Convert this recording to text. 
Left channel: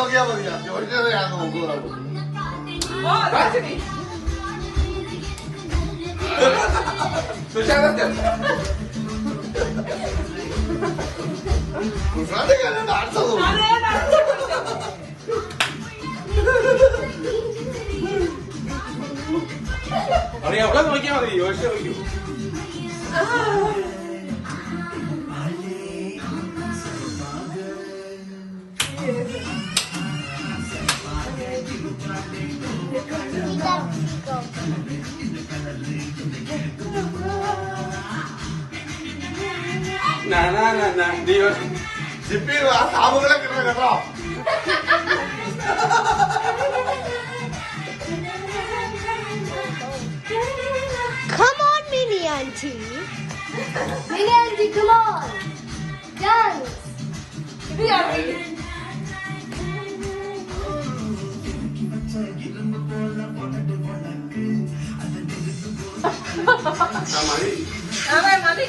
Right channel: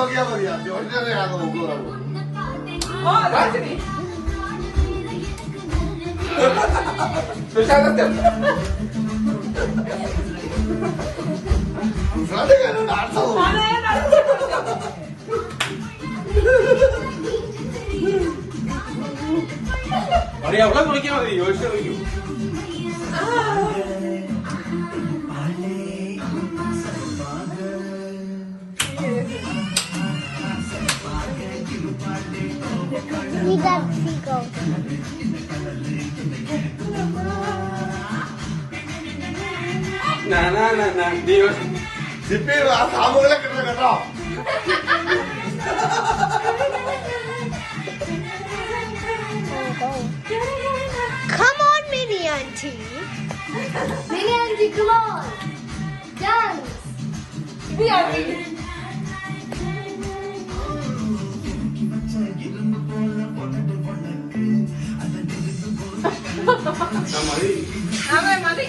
നോക്കിയാ മതിയാ ജോലിയെ ഞാൻ നോക്കുക എവിടെ നോക്കിയാ മതി യോജിച്ചു നോക്കൂ ജിപ്പി ആ സാമുകളെ കിട്ടുന്ന കേട്ടോ Come on, mini auntie. Mini auntie, come on. Dance. Mini auntie. മതി